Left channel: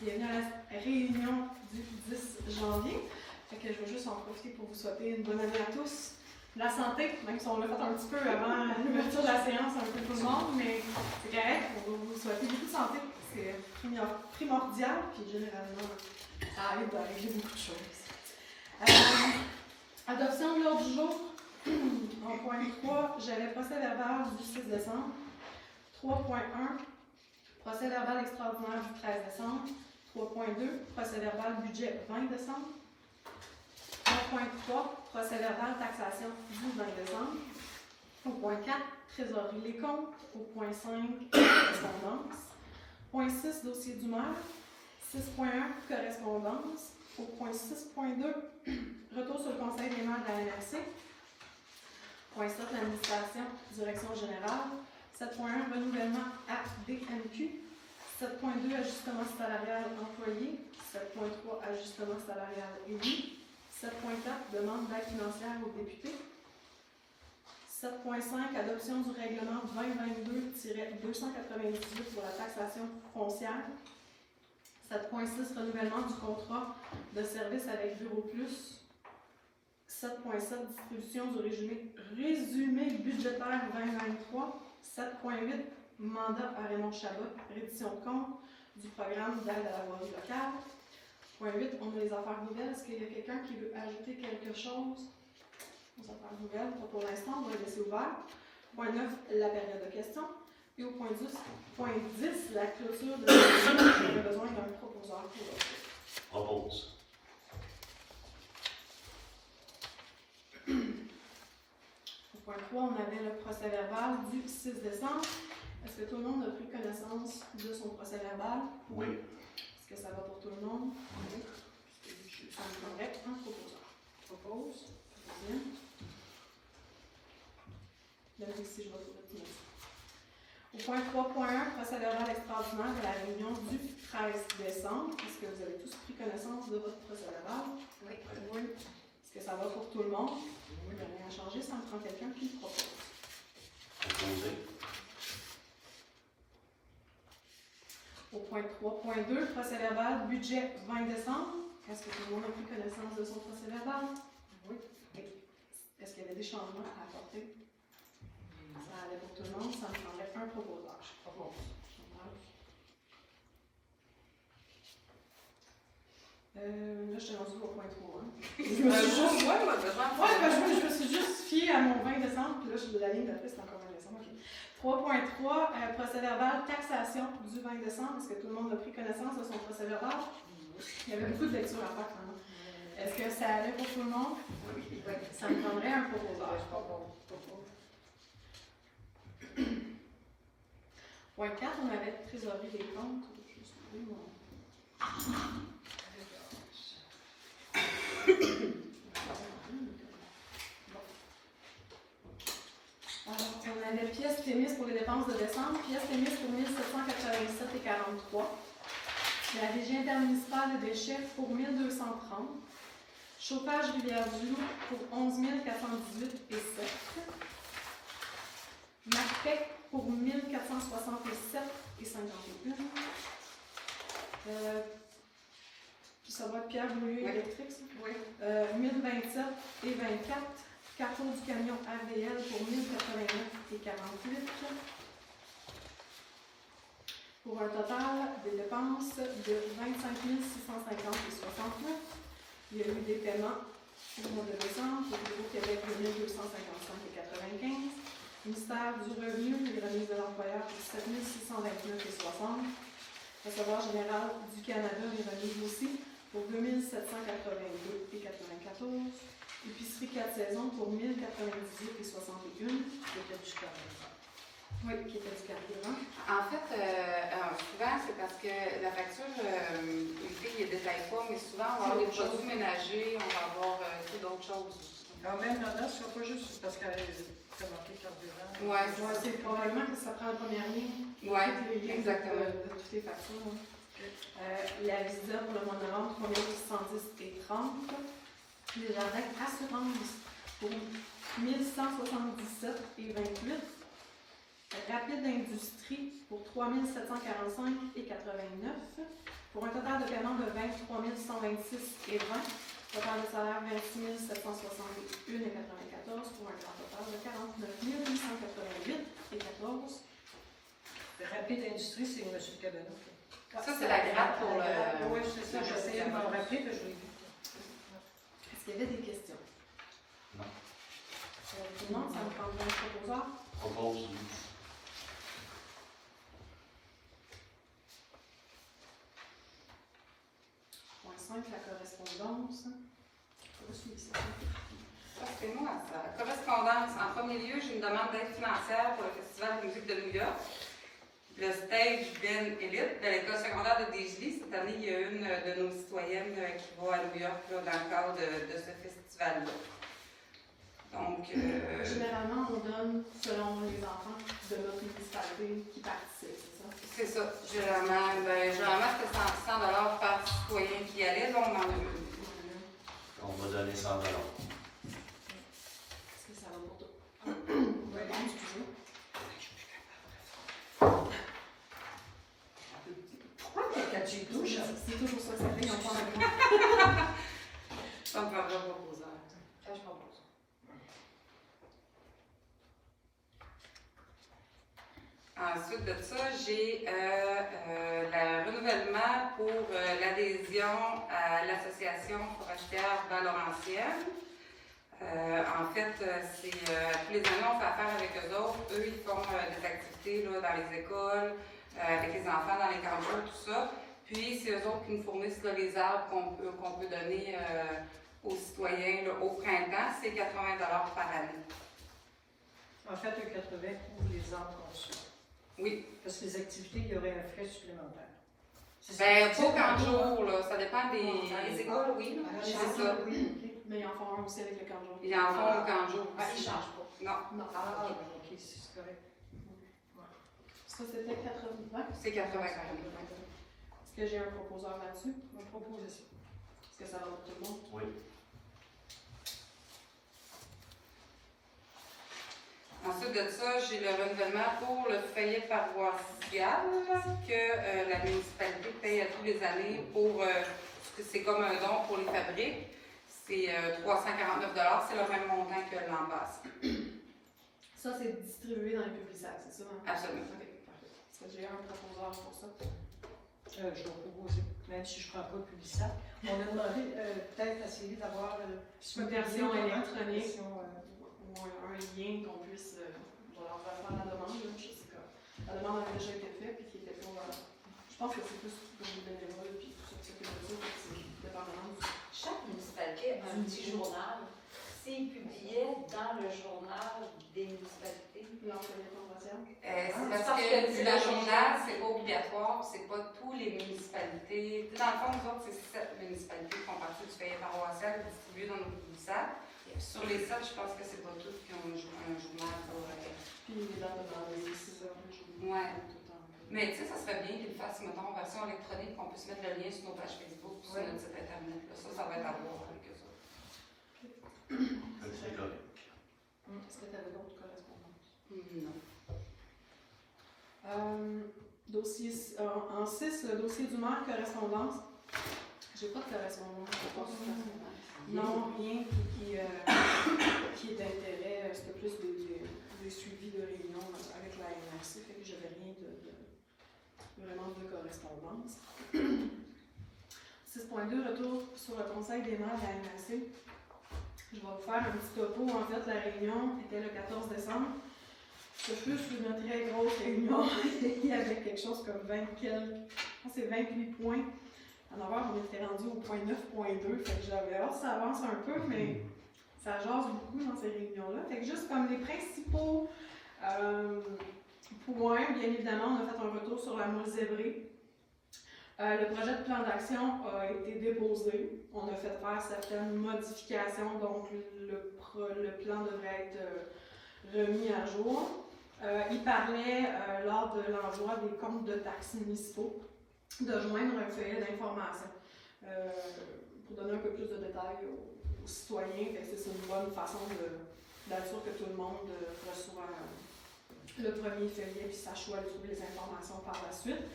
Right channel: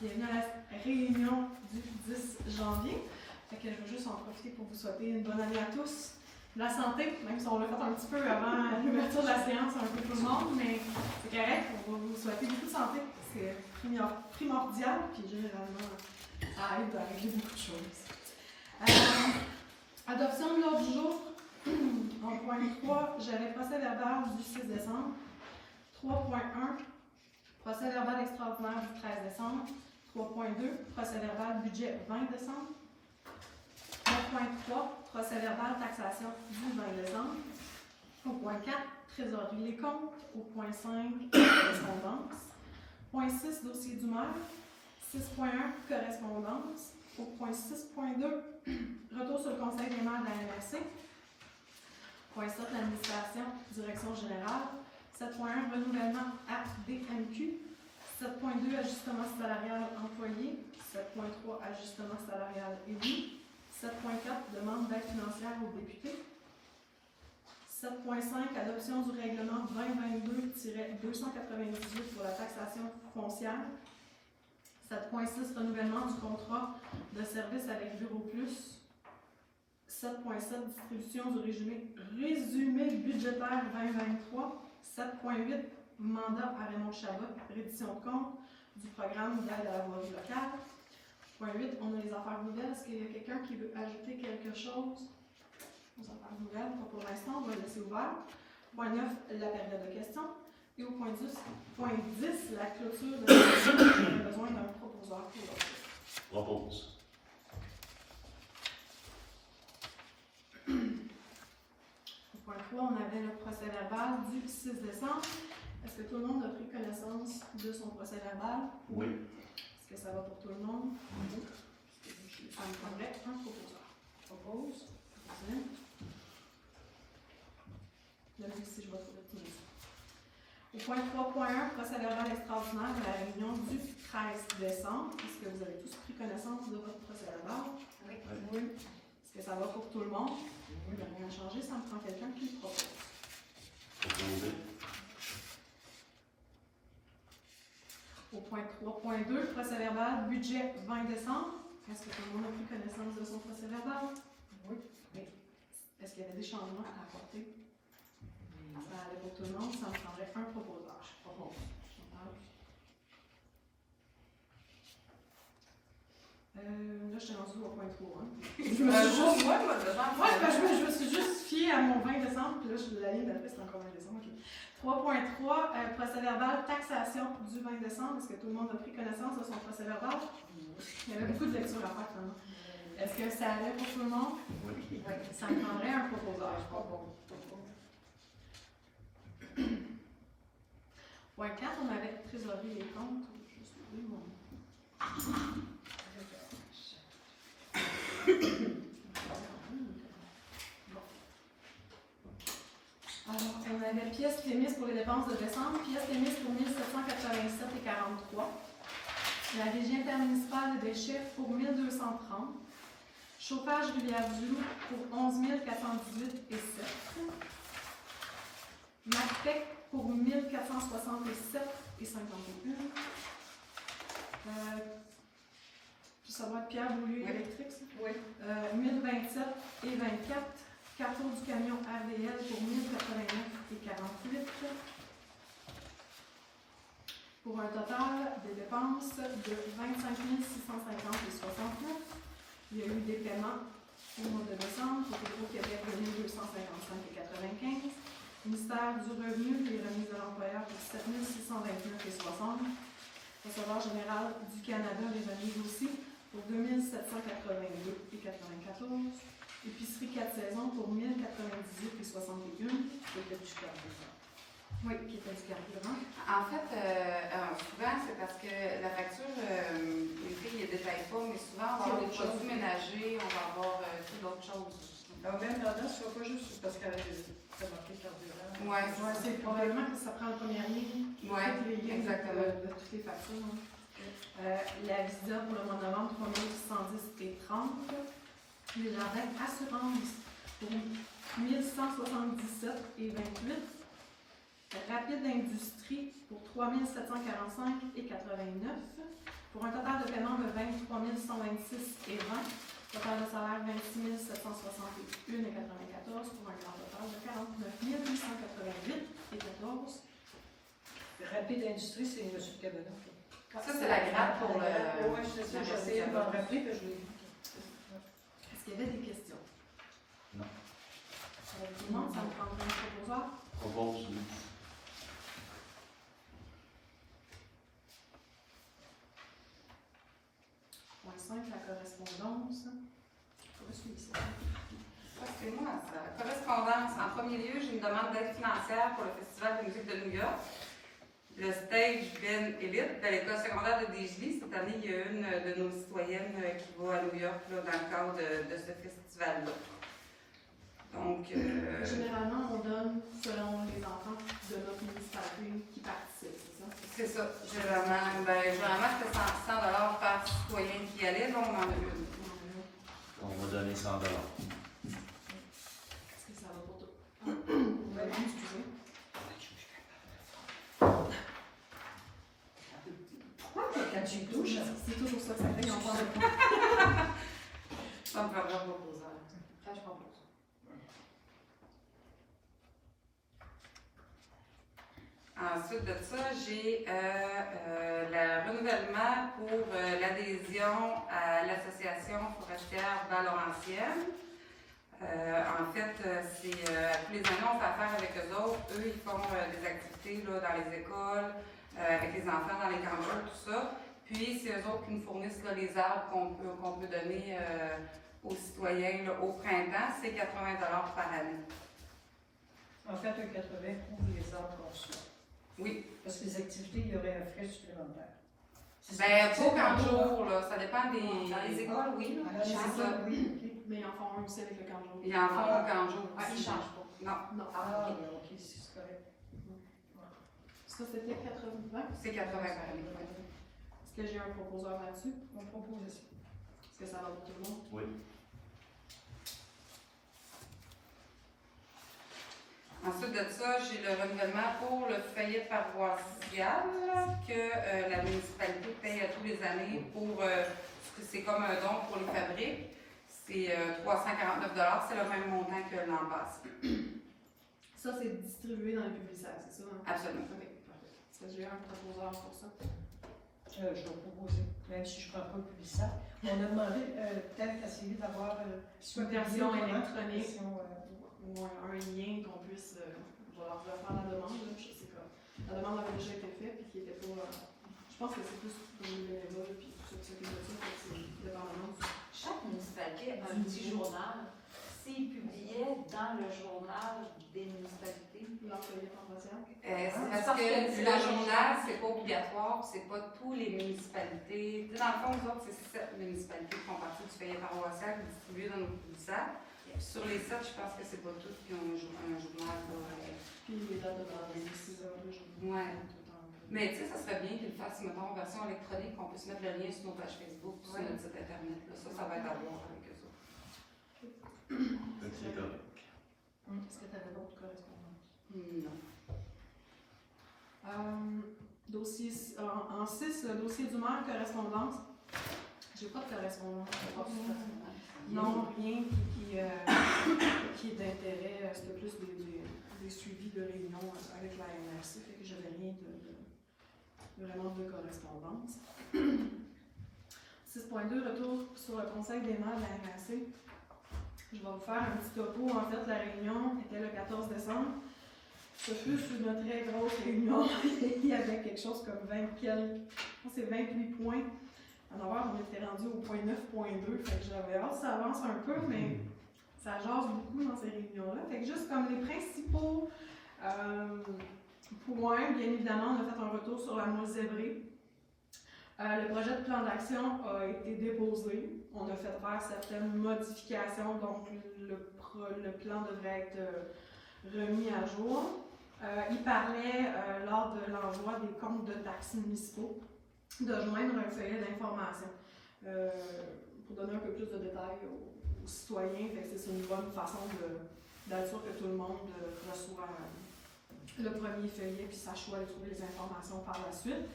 Bienvenue à la réunion du 10 janvier. Fait que je vais juste en profiter pour vous souhaiter une bonne année à tous. La santé, même si on l'a fait un petit peu avant l'ouverture de la séance, un peu tout le monde, mais c'est correct. On va vous souhaiter beaucoup de santé. C'est primordial, puis généralement, ça aide à régler beaucoup de choses. Adoption de l'ordre du jour. En point 3, j'avais procès verbal du 6 décembre. 3.1, procès verbal extraordinaire du 13 décembre. 3.2, procès verbal budget 20 décembre. 3.3, procès verbal taxation du 20 décembre. Au point 4, trésorerie les comptes. Au point 5, correspondance. Point 6, dossier du maire. 6.1, correspondance. Au point 6.2, retour sur le conseil des maires de la MRC. Point 7, l'administration, direction générale. 7.1, renouvellement ADMQ. 7.2, ajustement salarial employé. 7.3, ajustement salarial élu. 7.4, demande d'aide financière aux députés. 7.5, adoption du règlement 2022-298 pour la taxation foncière. 7.6, renouvellement du contrat de service avec Bureau Plus. 7.7, distribution du résumé budgétaire 2023. 7.8, mandat à Raymond Chabot, reddition de compte du programme d'aide à la voirie locale. Point 8, on a les affaires nouvelles. Est-ce qu'il y a quelqu'un qui veut ajouter quelque chose aux affaires nouvelles? Pas pour l'instant, on va le laisser ouvert. Point 9, la période de questions. Et au point 10, la clôture de la session. J'aurais besoin d'un proposeur pour l'autre. Propose. Au point 3, on avait le procès verbal du 6 décembre. Est-ce que tout le monde a pris connaissance de son procès verbal? Oui. Est-ce que ça va pour tout le monde? Oui. Ça me prendrait un proposeur. Propose. Bien. Même si je vais trouver tout le monde. Au point 3.1, procès verbal extraordinaire de la réunion du 13 décembre. Est-ce que vous avez tous pris connaissance de votre procès verbal? Oui. Oui. Est-ce que ça va pour tout le monde? Oui. Il n'y a rien à changer, ça me prend quelqu'un qui le propose. Proposer. Au point 3.2, procès verbal budget 20 décembre. Est-ce que tout le monde a pris connaissance de son procès verbal? Oui. Est-ce qu'il y avait des changements à apporter? Ça allait pour tout le monde, ça me prendrait un proposeur. Là, je suis rendue au point 3. Je me suis juste fiée à mon 20 décembre, puis là, la ligne d'après, c'est encore 20 décembre. Okay. 3.3, procès verbal, taxation du 20 décembre. Est-ce que tout le monde a pris connaissance de son procès verbal? Il y avait beaucoup de lectures à faire. Hein? Est-ce que ça allait pour tout le monde? Oui. Ça me prendrait un proposeur. Point 4, on avait trésorerie des comptes. Je vais trouver mon... Alors, on avait pièces Thémis pour les dépenses de décembre, pièces Thémis pour 1787,43. La régie intermunicipale de déchets pour 1230. Chauffage Rivière-du-Loup pour 11 418,7. Martec pour 1467,51. Ça va être Pierre Boulieu électrique, ça? Oui. 1027,24. Carrefour du camion RDL pour 1089,48. Pour un total de dépenses de 25 650,69. Il y a eu des paiements au mois de décembre pour le Québec de 1255,95. Ministère du Revenu, les remises de l'employeur pour 7 629,60. Recevoir général du Canada, les remises aussi pour 2782,94. Épicerie 4 saisons pour 1098,61. Qui était du carburant. Oui, qui était du carburant. En fait, souvent, c'est parce que la facture, les prix ne détaillent pas, mais souvent, on va avoir des produits ménagers, on va avoir d'autres choses. Alors, même là-dedans, ce ne sera pas juste parce qu'elle a marqué carburant. Oui, c'est probablement que ça prend la première ligne. Oui, exactement. De toutes les factures. La visa pour le mois de novembre, 3610,30. Les jardins assurance pour 1177,28. Rapide rapide d'industrie pour 3 745 et 89, pour un total de paiement de 23 126 et 20. Total de salaire 26 761 et 94 pour un grand total de 49 888 et 14. Rapide Industrie, c'est M. Cabana. Ça, c'est la grappe pour le... Oui, c'est ça, j'essayais de m'en rappeler, que je l'ai vu. Est-ce qu'il y avait des questions? Non. Tout le monde, ça me prendrait un proposeur? Propose, oui. Point 5, la correspondance. Je suis ça. Ça, c'est moi, ça. Correspondance. En premier lieu, j'ai une demande d'aide financière pour le Festival de musique de New York. Le stage Ben Elite de l'école secondaire de Desjely. Cette année, il y a une de nos citoyennes qui va à New York là, dans le cadre de ce festival-là. Donc, Généralement, on donne selon les enfants de notre municipalité qui participent, c'est ça? c'est ça. Généralement c'était 100 $ par citoyen qui y allait. Bon, on en a eu. On va donner 100 $. Est-ce que ça va pour toi? Oui, excusez. Pourquoi quand tu y touches? C'est toujours ça que ça fait, ils n'ont pas de Ça me fait pas proposer. Ça, je propose. Ensuite de ça, j'ai le renouvellement pour l'adhésion à l'association forestière Val-Laurentienne. En fait, c'est tous les années, on fait affaire avec eux autres. Eux, ils font des activités là, dans les écoles, avec les enfants, dans les campeurs, tout ça. Puis, c'est eux autres qui nous fournissent là, les arbres qu'on peut donner aux citoyens là, au printemps. C'est 80 $ par année. En fait, un 80 pour les arbres qu'on soit. Oui. Parce que les activités, il y aurait un frais supplémentaire. Ben, pas qu'un jour, là. Ça dépend des écoles, oui. Ah, C'est c'est ça. oui. Mais ils en font un aussi avec le canjon. Ils en font qu'un jour. Ah, ils ne changent pas. Non, Non. Ah, ok, c'est correct. Ça, c'était 80. c'est 80 $. Est-ce que j'ai un proposeur là-dessus? On propose ça. Est-ce que ça va pour tout le monde? Oui. Ensuite de ça, j'ai le renouvellement pour le feuillet paroissial que la municipalité paye à tous les années pour. C'est comme un don pour les fabriques. C'est 349 $. C'est le même montant que l'an passé. Ça, c'est distribué dans les publicitaires, c'est ça? Hein? Absolument. Ok, parfait. Est-ce que j'ai un proposeur pour ça? Je vais proposer, même si je ne prends pas le publicitaire. On a demandé peut-être essayer d'avoir Une version électronique. version, Ou un lien qu'on puisse. On va leur faire la demande, là, je sais pas. La demande avait déjà été faite, puis qui était pas. Je pense que c'est plus pour les bénévoles, puis tout ça, que c'est dépendamment du. Chaque municipalité a un petit journal. S'ils publiaient dans le journal des municipalités, L'employé convention. C'est parce parce que que le journal, c'est pas obligatoire, c'est pas tous les municipalités. Tu sais, dans le fond, nous autres, c'est 7 municipalités qui font partie du feuillet paroissial distribué dans nos publicitaires. Sur les 7, je pense que c'est pas toutes qui ont un journal. Puis les dates de base, c'est ça, le jour. Ouais. Mais tu sais, ça serait bien qu'ils le fassent, mettons, en version électronique, qu'on puisse mettre le lien sur nos pages Facebook, sur notre site internet. Là. Ça va être à voir avec eux autres. C'est correct. Est-ce que tu avais d'autres correspondances? Non. Dossier, en 6, le dossier du maire, correspondance. J'ai pas de correspondance. Non, rien qui est d'intérêt. C'était plus des suivis de réunions avec la MRC, fait que j'avais rien vraiment de correspondance. 6.2, retour sur le conseil des maires de la MRC. Je vais vous faire un petit topo. En fait, la réunion était le 14 décembre. C'était plus une très grosse réunion. Il y avait quelque chose comme 28 points. En novembre, on était rendu au point 9.2. Fait que j'avais hâte que ça avance un peu, mais ça jase beaucoup dans ces réunions-là. Fait que juste comme les principaux points, bien évidemment, on a fait un retour sur la moule zébrée. Le projet de plan d'action a été déposé. On a fait faire certaines modifications, donc le plan devrait être remis à jour. Il parlait, lors de l'envoi des comptes de taxes municipaux, de joindre un feuillet d'information pour donner un peu plus de détails aux citoyens. C'est une bonne façon d'être sûr que tout le monde reçoit le premier feuillet, puis sache où aller trouver les informations par la suite.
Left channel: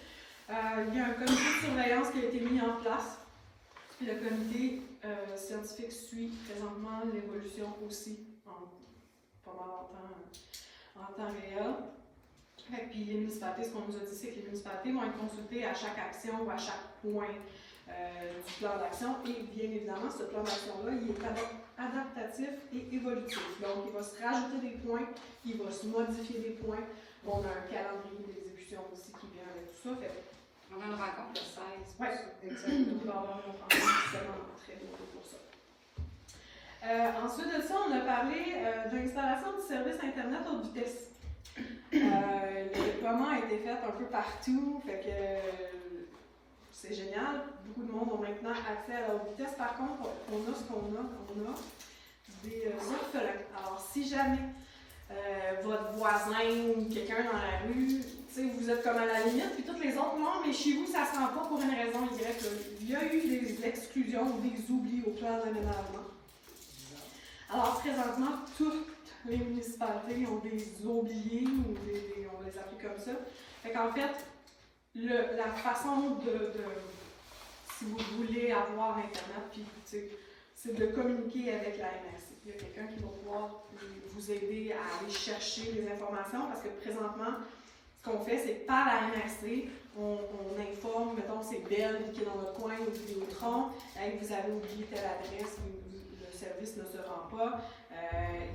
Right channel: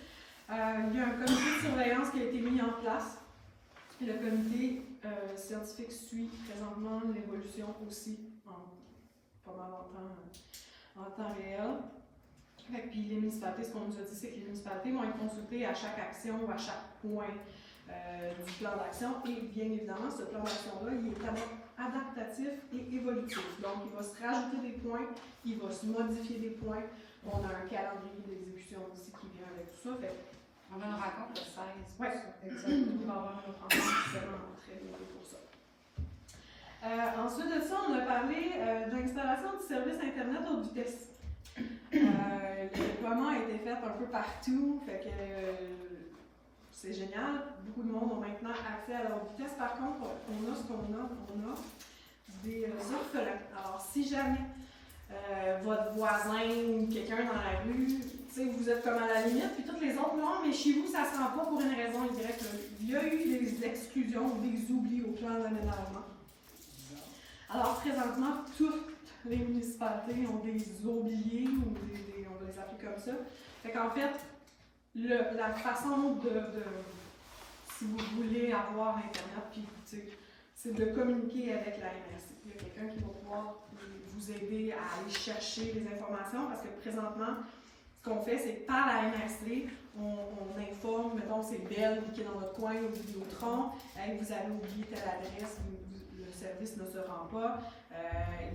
Il y a un comité de surveillance qui a été mis en place. Le comité scientifique suit présentement l'évolution aussi pas mal en temps réel. Et puis les municipalités, ce qu'on nous a dit, c'est que les municipalités vont être consultées à chaque action ou à chaque point du plan d'action. Et bien évidemment, ce plan d'action-là, il est adaptatif et évolutif. Donc, il va se rajouter des points, il va se modifier des points. On a un calendrier d'exécution aussi qui vient avec tout ça. Fait, On a une rencontre le 16. oui, exactement. Il va y avoir une rencontre justement très bientôt pour ça. Ensuite de ça, on a parlé de l'installation du service Internet haute vitesse. Le déploiement a été fait un peu partout, fait que c'est génial. Beaucoup de monde ont maintenant accès à la haute vitesse. Par contre, on a ce qu'on a, on a des orphelins. Alors, si jamais votre voisin ou quelqu'un dans la rue, vous êtes comme à la limite, puis toutes les autres, non, mais chez vous, ça ne se rend pas pour une raison Y. Il y a eu des exclusions ou des oublis au plan d'aménagement. Alors, présentement, toutes les municipalités ont des oubliés, ou on va les appeler comme ça. Fait qu'en fait, la façon si vous voulez avoir Internet, puis c'est de communiquer avec la MRC. Il y a quelqu'un qui va pouvoir vous aider à aller chercher les informations, parce que présentement, ce qu'on fait, c'est que par la MRC, on informe, mettons, c'est Belle qui est dans votre coin, ou Vidéotron, vous avez oublié telle adresse, le service ne se rend pas,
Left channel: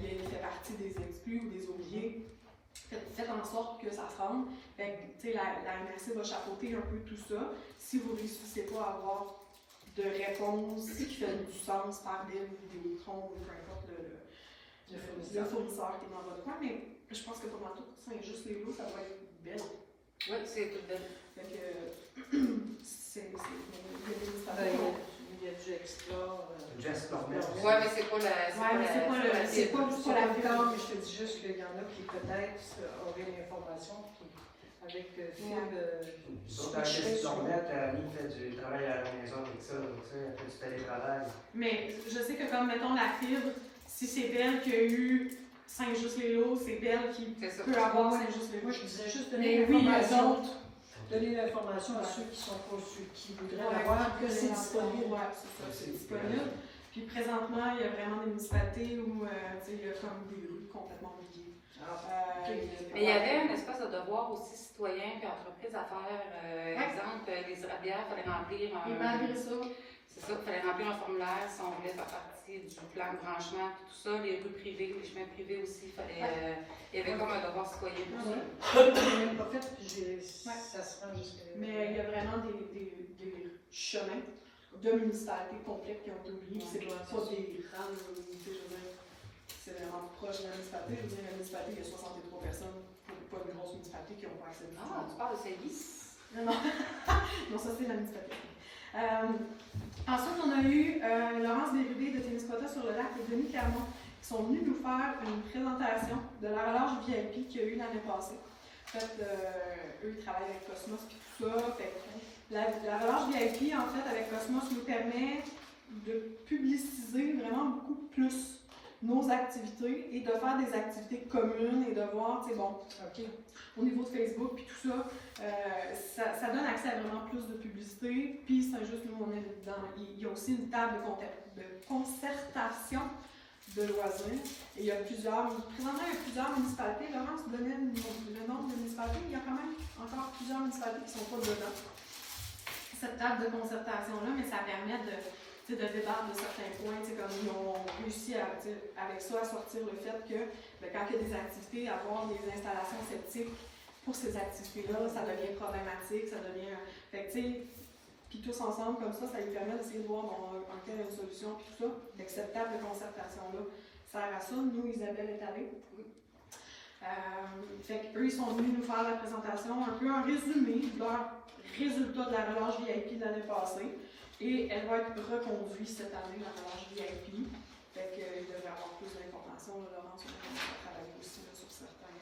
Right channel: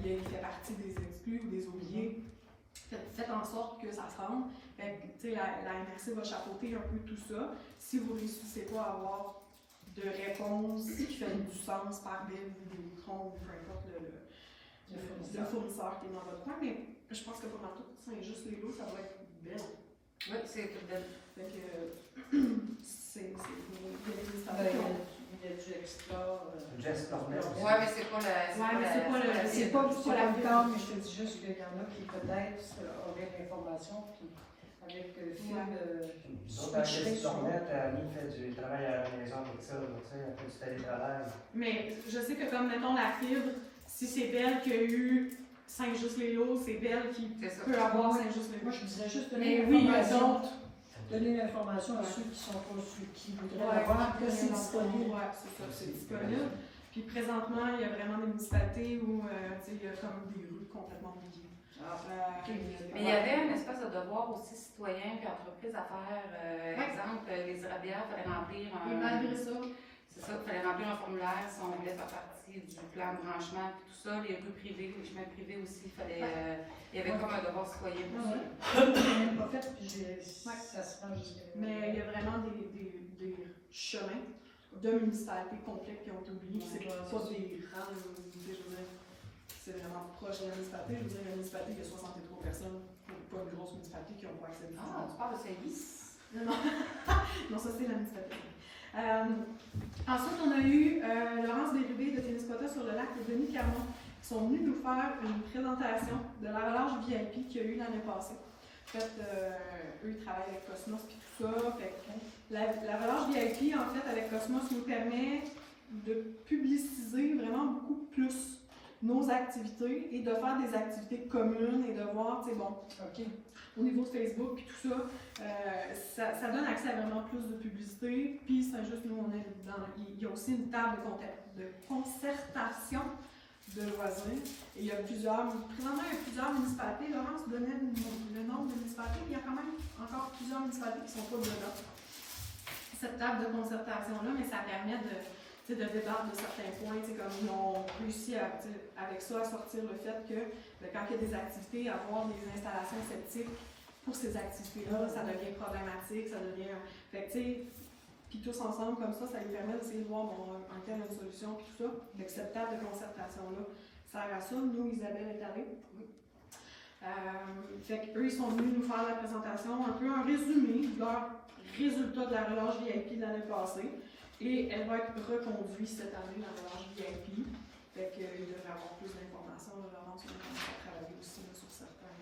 il fait partie des exclus ou des oubliés. Faites en sorte que ça se rende. La MRC va chapeauter un peu tout ça. Si vous ne réussissez pas à avoir de réponse qui fait du sens par Belle ou Vidéotron, ou peu importe le fournisseur qui est dans votre coin, mais je pense que pour ma tout, c'est juste les lots, ça va être Belle. Oui, c'est tout Belle. Fait que Il y a du Explore. Oui, mais c'est pas C'est pas le cas, mais je te dis juste qu'il y en a qui peut-être auraient l'information avec Nous autres, chez Stormette, Annie fait du travail à la maison avec ça, donc elle fait du télétravail. Mais je sais que comme, mettons, la fibre, si c'est Belle qui a eu Saint-Just-les-Lots, c'est Belle qui peut avoir Saint-Just-les-Lots. Moi, je disais juste Mais donner oui, l'information. Donner l'information à ceux qui sont pas ceux qui voudraient l'avoir, que c'est disponible. Oui, c'est ça, c'est disponible. Puis présentement, il y a vraiment des municipalités où il y a comme des rues complètement oubliées. Mais il y avait une espèce de devoir aussi citoyen et entreprise à faire. Exemple, les érablières, il fallait remplir Et malgré ça, c'est ça, il fallait remplir un formulaire si on voulait faire partie du plan de branchement, tout ça, les rues privées, les chemins privés aussi, il y avait comme un devoir citoyen pour ça. Je l'ai même pas fait, puis ça se rend jusqu'à. mais il y a vraiment des chemins de municipalités complètes qui ont été oubliés. C'est pas des grandes municipalités, je veux dire, c'est vraiment proche de la municipalité. Je veux dire, la municipalité, il y a 63 personnes, pas une grosse municipalité qui n'ont pas accès à Ah, tu parles de service? Non, non, ça c'est la municipalité. Ensuite, on a eu Laurence Bérubé de Téniscota sur le lac de Denis Carmon qui sont venus nous faire une présentation de la relâche VIP qu'il y a eu l'année passée. En fait, eux, ils travaillent avec Cosmos et tout ça. Fait que la relâche VIP, en fait, avec Cosmos, nous permet de publiciser vraiment beaucoup plus nos activités et de faire des activités communes et de voir, tu sais, bon, au niveau de Facebook puis tout ça, ça donne accès à vraiment plus de publicité. Puis c'est juste nous, on est dedans. Il y a aussi une table de concertation de loisirs. Et il y a présentement, il y a plusieurs municipalités. Laurence donnait le nombre de municipalités, mais il y a quand même encore plusieurs municipalités qui ne sont pas dedans. Cette table de concertation-là, mais ça permet de débattre de certains points, comme ils ont réussi avec ça à sortir le fait que quand il y a des activités, avoir des installations sceptiques pour ces activités-là, ça devient problématique, ça devient. Fait que, puis tous ensemble comme ça lui permet d'essayer de voir en quelle une solution, puis tout ça. Donc cette table de concertation-là sert à ça. Nous, Isabelle est allée. Fait qu'eux, ils sont venus nous faire la présentation, un peu un résumé de leur résultat de la relâche VIP de l'année passée. Et elle va être reconduite cette année, la relâche VIP. Fait qu'il devrait avoir plus d'informations. Laurence, on a commencé à travailler aussi là, sur certains.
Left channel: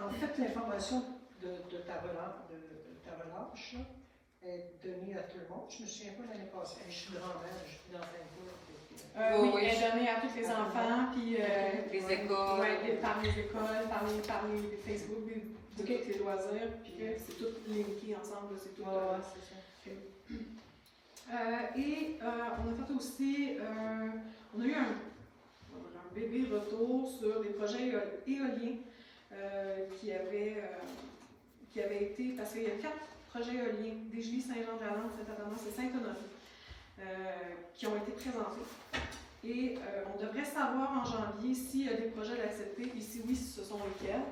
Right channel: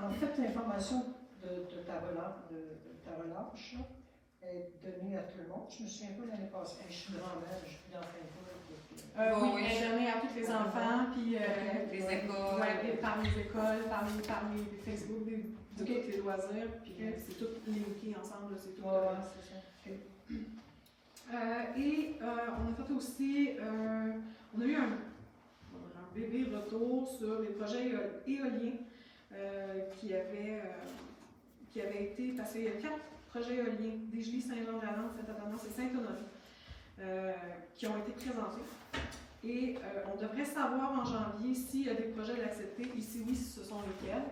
En fait, l'information de ta relâche là, est donnée à tout le monde. Je me souviens pas l'année passée. Je suis grand-mère, je suis dans fin de Oui, Oui, oui. elle est donnée à tous les enfants, puis Les écoles. ouais, par les écoles, par les Facebook, de tous les loisirs, puis que c'est tout linké ensemble, là, c'est tout. Ouais, c'est ça. On a fait aussi, on a eu un bébé retour sur des projets éoliens qui avaient été, parce qu'il y a 4 projets éoliens, Desjolies, Saint-Jean-de-la-Lande, Saint-Athanas et Saint-Honoré, qui ont été présentés. Et on devrait savoir en janvier s'il y a des projets d'accepter et si oui, ce sont lesquels.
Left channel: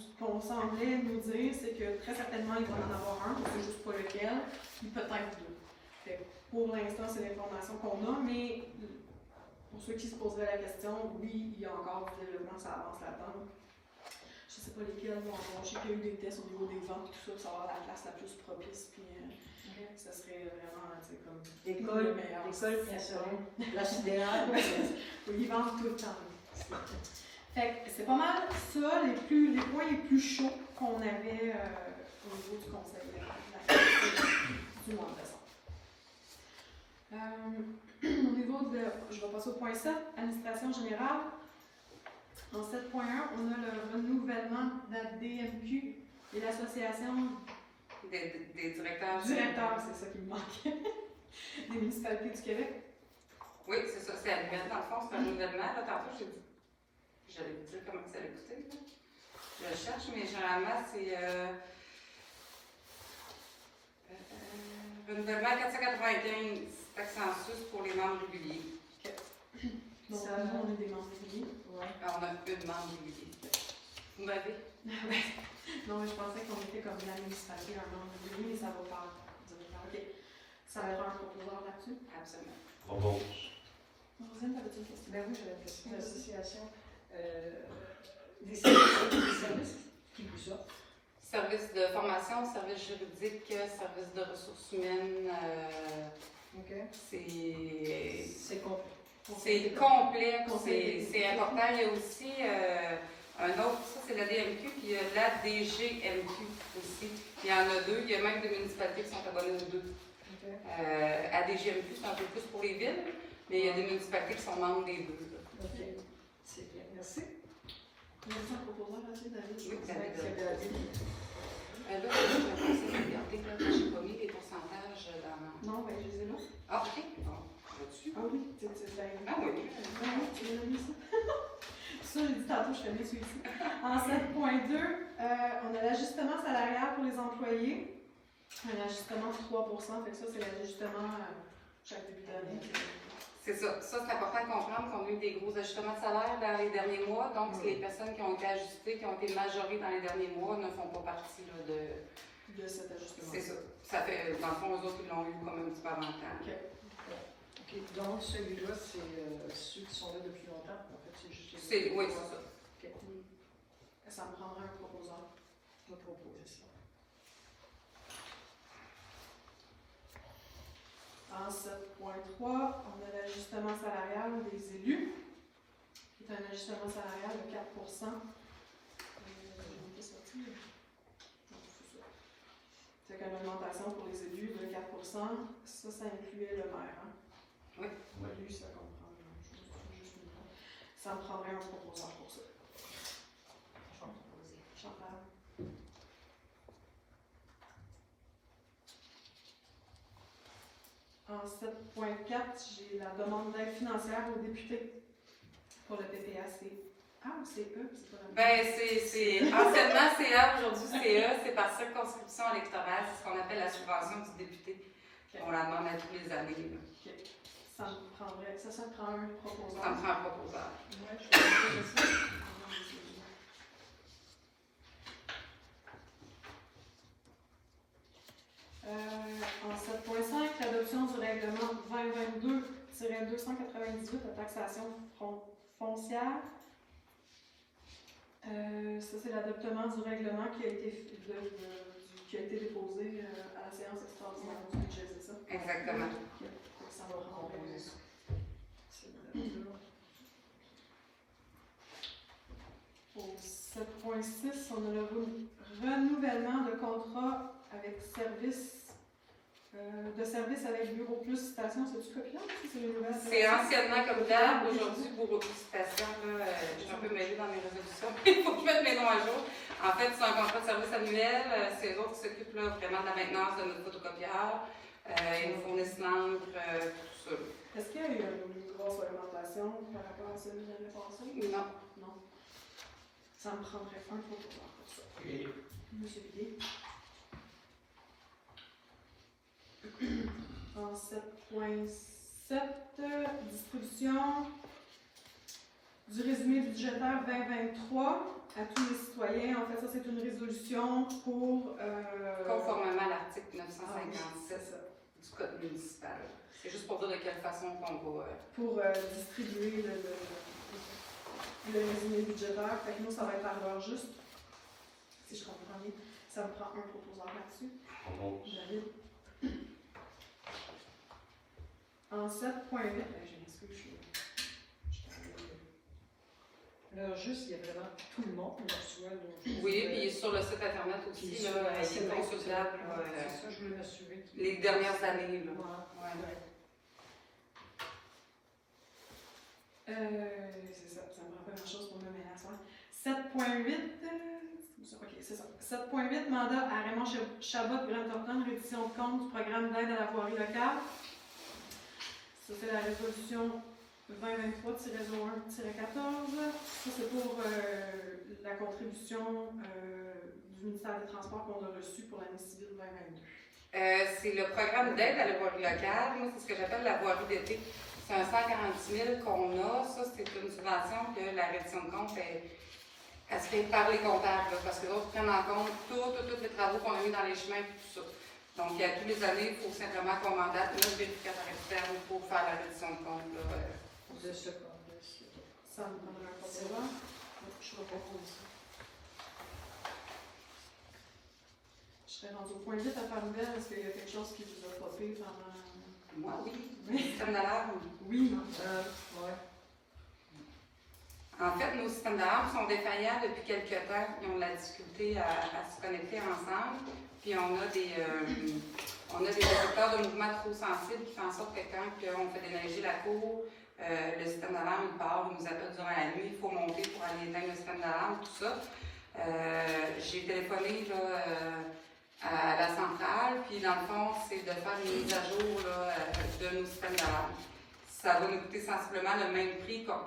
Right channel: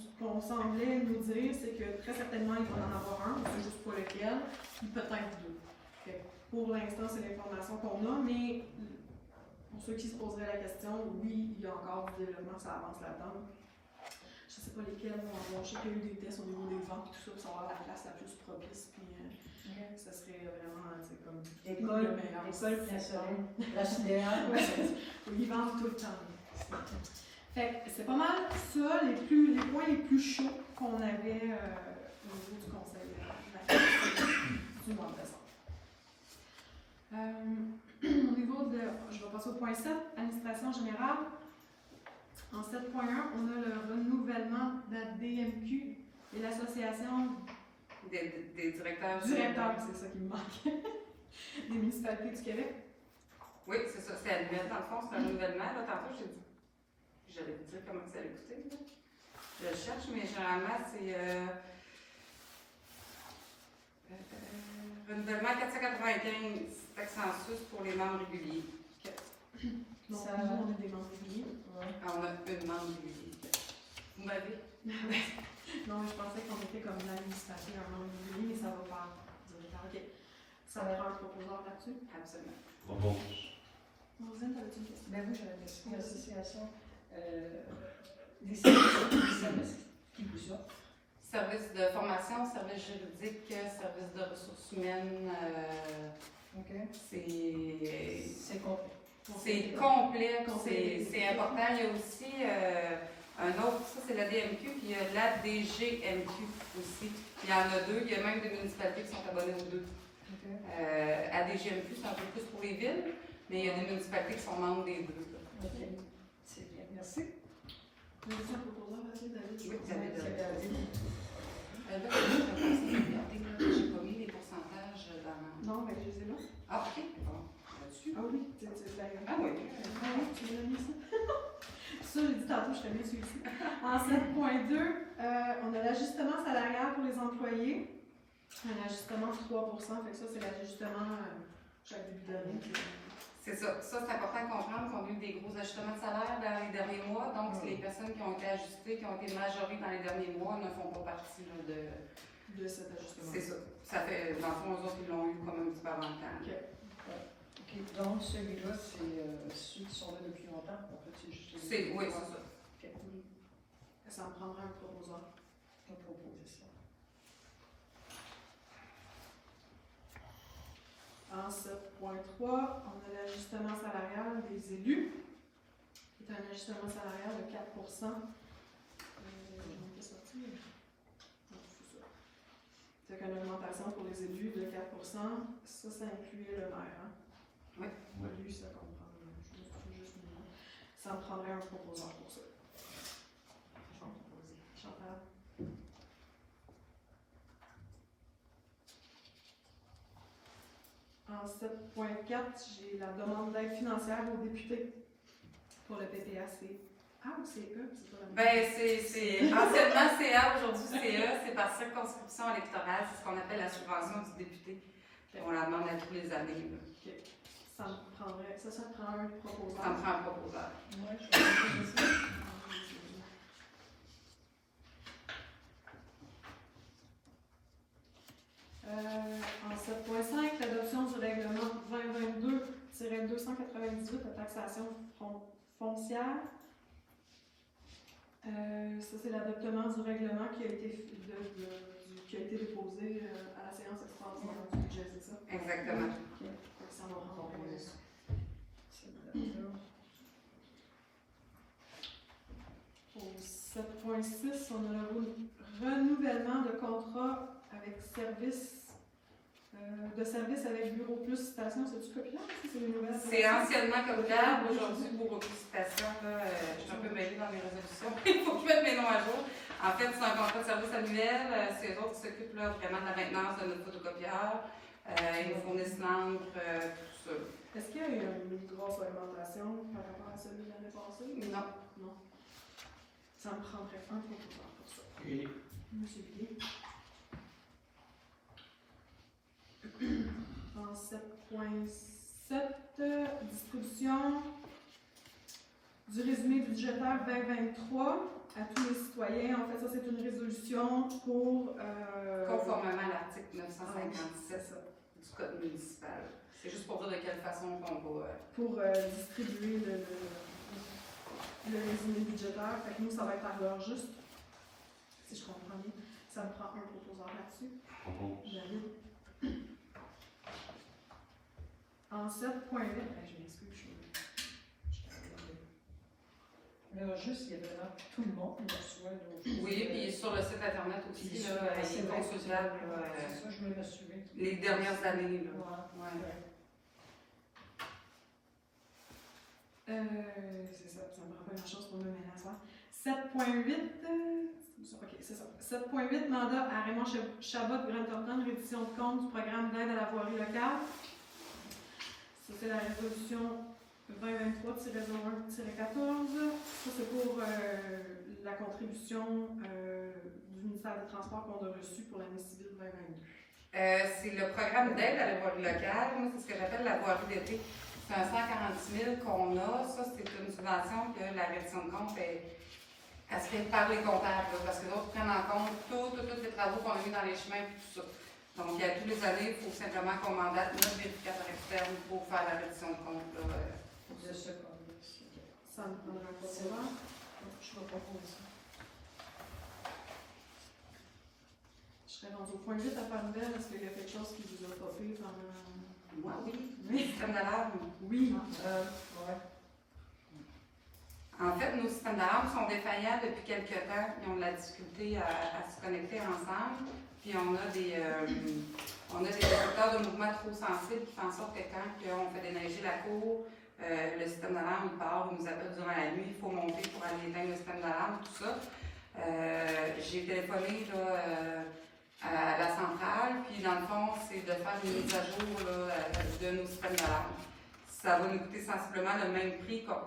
Ce qu'on semblait nous dire, c'est que très certainement, il va en avoir un, on ne sait juste pas lequel, puis peut-être 2. Fait que pour l'instant, c'est l'information qu'on a, mais pour ceux qui se poseraient la question, oui, il y a encore du développement, ça avance là-dedans. Je ne sais pas lesquels vont avoir. Je sais qu'il y a eu des tests au niveau des vents et tout ça, pour savoir la place la plus propice, puis ça serait vraiment, c'est comme École, école nationale, la sidérale. ils vendent tout le temps. Fait que c'est pas mal ça, les points les plus chauds qu'on avait au niveau du conseil du mois de décembre. Au niveau de, je vais passer au point 7, administration générale. En 7.1, on a le renouvellement de la DMQ et l'association Des directeurs. directeurs, c'est ça qui me manque, des municipalités du Québec. Oui, c'est ça, c'est annuel dans le fond, c'est un renouvellement. Là, tantôt, j'allais vous dire comment ça allait coûter. Là. Je le cherche, mais généralement, c'est renouvellement 495 taxes en sus pour les membres réguliers. Donc, Ça- nous, on est des membres réguliers. On a une membre régulier. Vous m'avez? Non, mais je pensais qu'on était comme la municipalité, un membre régulier, mais ça va pas. OK. Ça prend un proposeur là-dessus. Absolument. Propose. Rosine, t'avais-tu une question? Ben oui, j'avais une question. L'association des services qui vous offrent. Service de formation, service juridique, service de ressources humaines, OK. c'est complet. c'est complexe, c'est important. Il y a aussi un autre, ça c'est la DMQ, puis il y a la DGMQ aussi. Il y en a 2, il y a même des municipalités qui sont abonnées aux 2. OK. À DGMQ, c'est un peu plus pour les villes, mais il y a des municipalités qui sont membres des 2. OK. C'est bien. Merci. Il y a un proposeur là-dessus, David? Oui, vous avez C'est la DMQ. Là, je vais commencer à regarder, là, j'ai pas mis les pourcentages dans... Non, ben je les ai là. Ah, ok, bon, là-dessus. Ah oui, c'est la Ah oui. Ah oui, tu m'as mis ça. Ça, j'ai dit tantôt, je t'ai mis celui-ci. En 7.2, on a l'ajustement salarial pour les employés. Un ajustement de 3%, fait que ça, c'est l'ajustement chaque début d'année. C'est ça. Ça, c'est important de comprendre qu'on a eu des gros ajustements de salaire dans les derniers mois. Donc, les personnes qui ont été ajustées, qui ont été majorées dans les derniers mois, ne font pas partie là, De cet ajustement. C'est ça. Ça fait, dans le fond, eux autres, ils l'ont eu comme un petit peu avant le temps. OK. Donc, celui-là, c'est ceux qui sont là depuis longtemps. En fait, c'est juste. Oui, c'est ça. OK. Ça me prendra un proposeur. On propose ça. En 7.3, on a l'ajustement salarial des élus, qui est un ajustement salarial de 4%. C'est qu'une augmentation pour les élus de 4%, ça incluait le maire. Hein? Oui. Lui, ça comprend. Ça me prendrait un proposeur pour ça. Je vais proposer. Chantal. En 7.4, j'ai la demande d'aide financière aux députés pour le PPAC. Ah, ou c'est eux, c'est pas la même. Ben, c'est anciennement CA, aujourd'hui CA, c'est par circonscription électorale, c'est ce qu'on appelle la subvention du député. On la demande à tous les années. Là. Ça me prendrait, ça prend un proposeur. Ça me prend un proposeur. Moi, je vais faire ça. En 7.5, l'adoption du règlement 2022-298 de taxation foncière. Ça, c'est l'adoptement du règlement qui a été, déposé à la séance extraordinaire du budget, c'est ça? Exactement. Ça va composer ça. Au 7.6, on a le renouvellement de contrat avec service De service avec bureau plus citation, c'est-tu copiable? C'est les nouvelles? C'est anciennement copiable. Aujourd'hui, pour beaucoup de citations, là, je suis un peu mêlée dans mes résolutions. Il faut que je mette mes noms à jour. En fait, c'est un contrat de service annuel. C'est eux autres qui s'occupent là, vraiment de la maintenance de notre photocopieur. Ils nous fournissent l'encre, tout ça. Est-ce qu'il y a eu une grosse augmentation par rapport à celui de l'année passée? Non. Non. Ça me prendrait un prototype pour ça. Et Monsieur Guillet. En 7.7, distribution du résumé budgétaire 2023 à tous les citoyens. En fait, ça, c'est une résolution pour... Conformément à l'article c'est 957 ça. du Code municipal. C'est juste pour dire de quelle façon qu'on va. Pour distribuer le résumé budgétaire. Fait que nous, ça va être à l'heure juste. Si je comprends bien, ça me prend un proposeur là-dessus. propose. David. En 7.8, je m'excuse, je suis. Là, juste, il y a vraiment tout le monde, là, tu vois. Là, Oui, puis sur le site internet aussi, puis là, sur la il est scène, consultable. c'est ça, je me l'assurais. Les dernières années. Là. Ouais. Ouais. C'est ça, ça me prend pas grand-chose pour me mêler à ça. 7.8, ok, c'est ça. 7.8, mandat à Raymond Chabot, Grant Thornton, rédition de compte du programme d'aide à la voirie locale. Ça, c'est la résolution 2023-01-14. Ça, c'est pour la contribution du ministère des Transports qu'on a reçue pour l'année civile 2022. C'est le programme d'aide à la voirie locale. Moi, c'est ce que j'appelle la voirie d'été. C'est un 140 000 qu'on a. Ça, c'est une subvention que la réduction de compte elle se fait par les comptables, là, parce que les autres prennent en compte tous les travaux qu'on a mis dans les chemins et tout ça. Donc, à tous les années, il faut simplement qu'on mandate notre vérificateur externe pour faire la réduction de compte. Là. De ce compte-là. Ça me prendra un proposeur. Je vais proposer ça. Je serais rendue au point 8 à faire nouvelle. Est-ce qu'il y a quelque chose qui vous a popé pendant. Moi, oui. Oui. Système d'alarme. Oui. Ouais. En fait, nos systèmes d'alarme sont défaillants depuis quelques temps. Ils ont de la difficulté à se connecter ensemble. Puis on a des détecteurs de mouvement trop sensibles qui font en sorte que quand on fait déneiger la cour, le système d'alarme il part, il nous appelle durant la nuit, il faut monter pour aller éteindre le système d'alarme, tout ça. J'ai téléphoné là, à la centrale, puis dans le fond, c'est de faire une mise à jour là, de nos systèmes d'alarme. Ça va nous coûter sensiblement le même prix ça va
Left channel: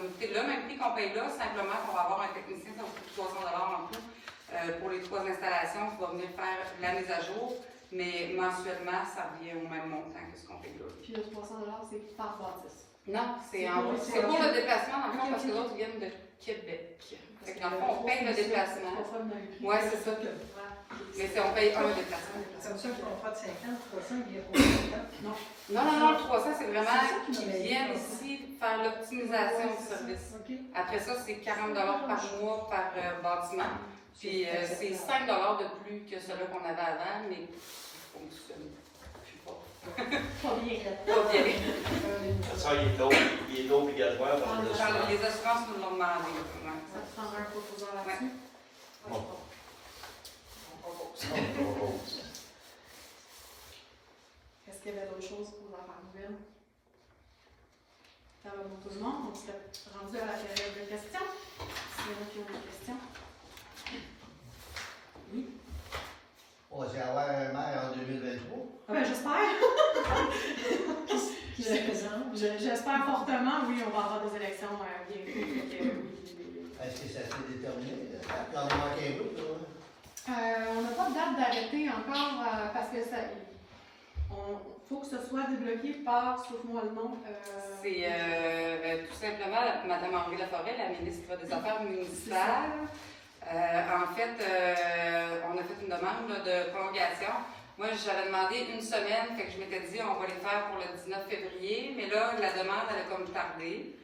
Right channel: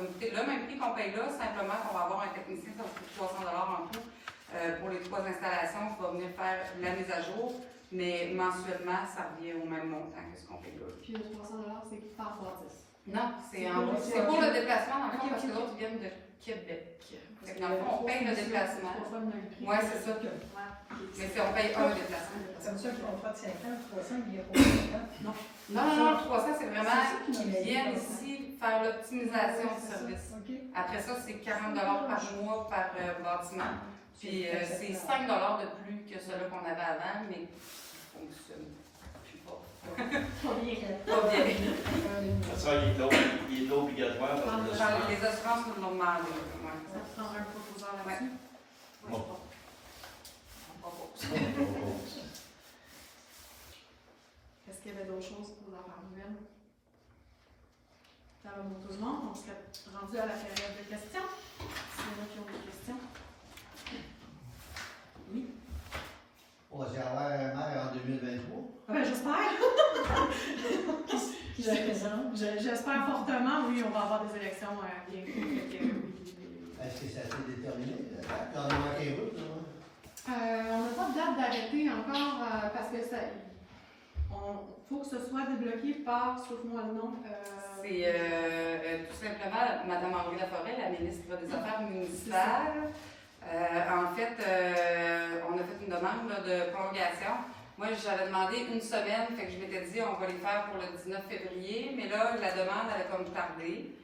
nous coûter le même prix qu'on paye là, simplement qu'on va avoir un technicien, ça va coûter 300 $ en tout pour les 3 installations qui va venir faire la mise à jour, mais mensuellement, ça revient au même montant que ce qu'on paye là. Puis le 300 $, c'est par bâtisse. Non, c'est C'est pour le déplacement, dans le fond, Ok, parce que ok. l'autre viennent de Québec. Fait que dans le fond, on paye le déplacement. Ouais, c'est ça. Mais on paye un déplacement. C'est comme ça qu'ils vont faire de 50, 300, il y a pour 50. Non. Non, le 300, c'est vraiment C'est ça qui qu'ils viennent m'avait dit, ici faire l'optimisation du service. OK. Après ça, c'est 40 $ par mois par bâtiment. Puis c'est 5 $ de plus que celui qu'on avait avant, mais ça fonctionne. Je sais pas. Pas bien. Pas bien. Ça, il est obligatoire. Genre, les assurances nous l'ont demandé. Ouais. Ça te prendra un proposeur là-dessus? Bon. On propose. On propose. Est-ce qu'il y avait d'autres choses pour la faire nouvelle? Ça va pour tout le monde, on serait rendu à la période de questions. S'il y en a qui ont des questions. Oui. On va y avoir un maire en 2023. Ben, j'espère. Qui se présente? J'espère fortement, oui, on va avoir des élections bientôt. Est-ce que ça s'est déterminé? Quand on manque un bout, là? On n'a pas de date d'arrêté encore parce que ça. Faut que ce soit débloqué par, sauf-moi le nom. C'est tout simplement Mme Henri Laforêt, la ministre des Affaires municipales. En fait, on a fait une demande là, de prolongation. Moi, j'avais demandé une semaine, fait que je m'étais dit on va les faire pour le 19 février, mais là, la demande, elle a comme tardé.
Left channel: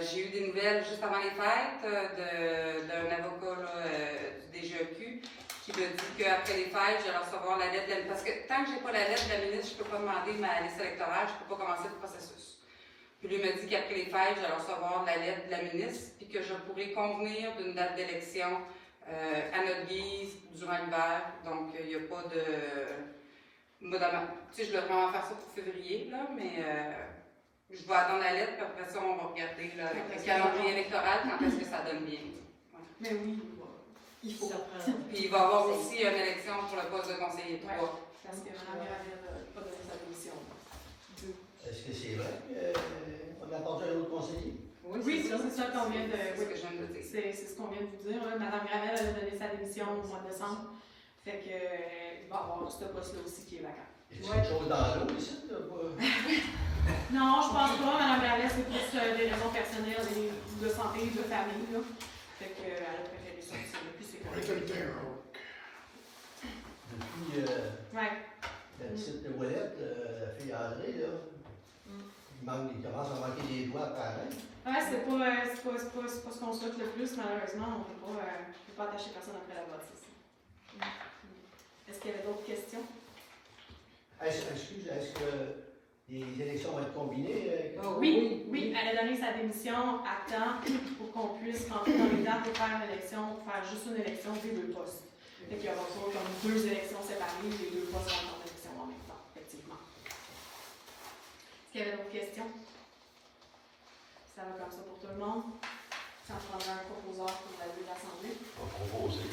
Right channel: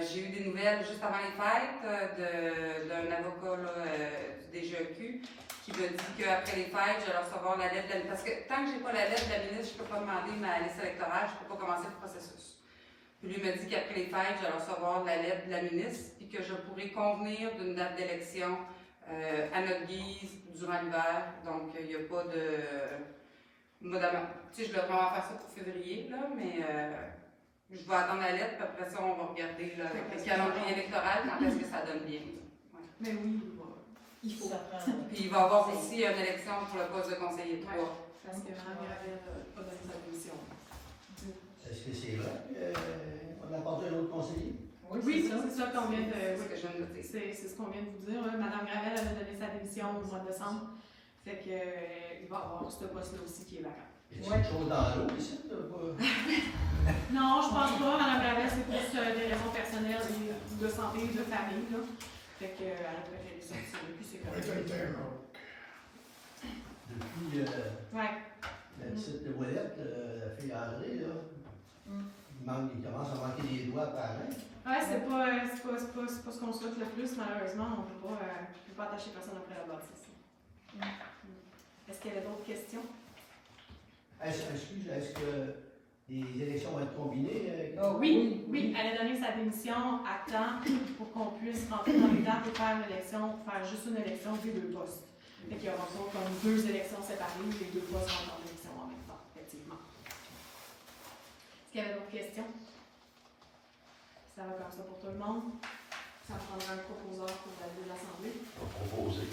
J'ai eu des nouvelles juste avant les fêtes d'un avocat là, du DGEQ qui me dit qu'après les fêtes, je vais recevoir la lettre de la... Parce que tant que je n'ai pas la lettre de la ministre, je ne peux pas demander ma liste électorale, je ne peux pas commencer le processus. Puis lui me dit qu'après les fêtes, je vais recevoir la lettre de la ministre puis que je pourrai convenir d'une date d'élection à notre guise durant l'hiver. Donc, il n'y a pas de... Madame, tu sais, je vais vraiment faire ça pour février, là, mais je vais attendre la lettre, puis après ça, on va regarder là, avec le calendrier électoral quand est-ce que ça donne bien. Ouais. Mais oui, il faut. Ça prend. Puis il va y avoir aussi une élection pour le poste de conseiller 3. Parce que Mme Gravel a donné sa démission. Est-ce que c'est vrai qu'on a apporté un autre conseiller? Oui, c'est ça qu'on vient C'est ce de. que je viens de dire. C'est ce qu'on vient de vous dire. Là. Mme Gravel elle a donné sa démission au mois de décembre. Fait que il va y avoir ce poste-là aussi qui est vacant. Est-ce qu'il y a quelque chose dans l'eau ici? Non, je pense pas. Mme Gravel, c'est plus des raisons personnelles de santé, de famille. Là. Fait que elle a préféré sortir. Puis c'est correct. Depuis Ouais. la petite Ouellette, la fille André, là, il commence à manquer des doigts pareil. Ouais, c'est pas ce qu'on souhaite le plus, malheureusement. On peut pas attacher personne après la bâtisse. Est-ce qu'il y avait d'autres questions? Est-ce que les élections vont être combinées? Oui, elle a donné sa démission à temps pour qu'on puisse rentrer dans les dates et faire juste une élection des deux postes. Fait qu'il y aura pas comme deux élections séparées, les deux postes rentrent en élection en même temps, effectivement. Est-ce qu'il y avait d'autres questions? Ça va comme ça pour tout le monde. Ça prendra un proposeur pour valider l'Assemblée. On va proposer.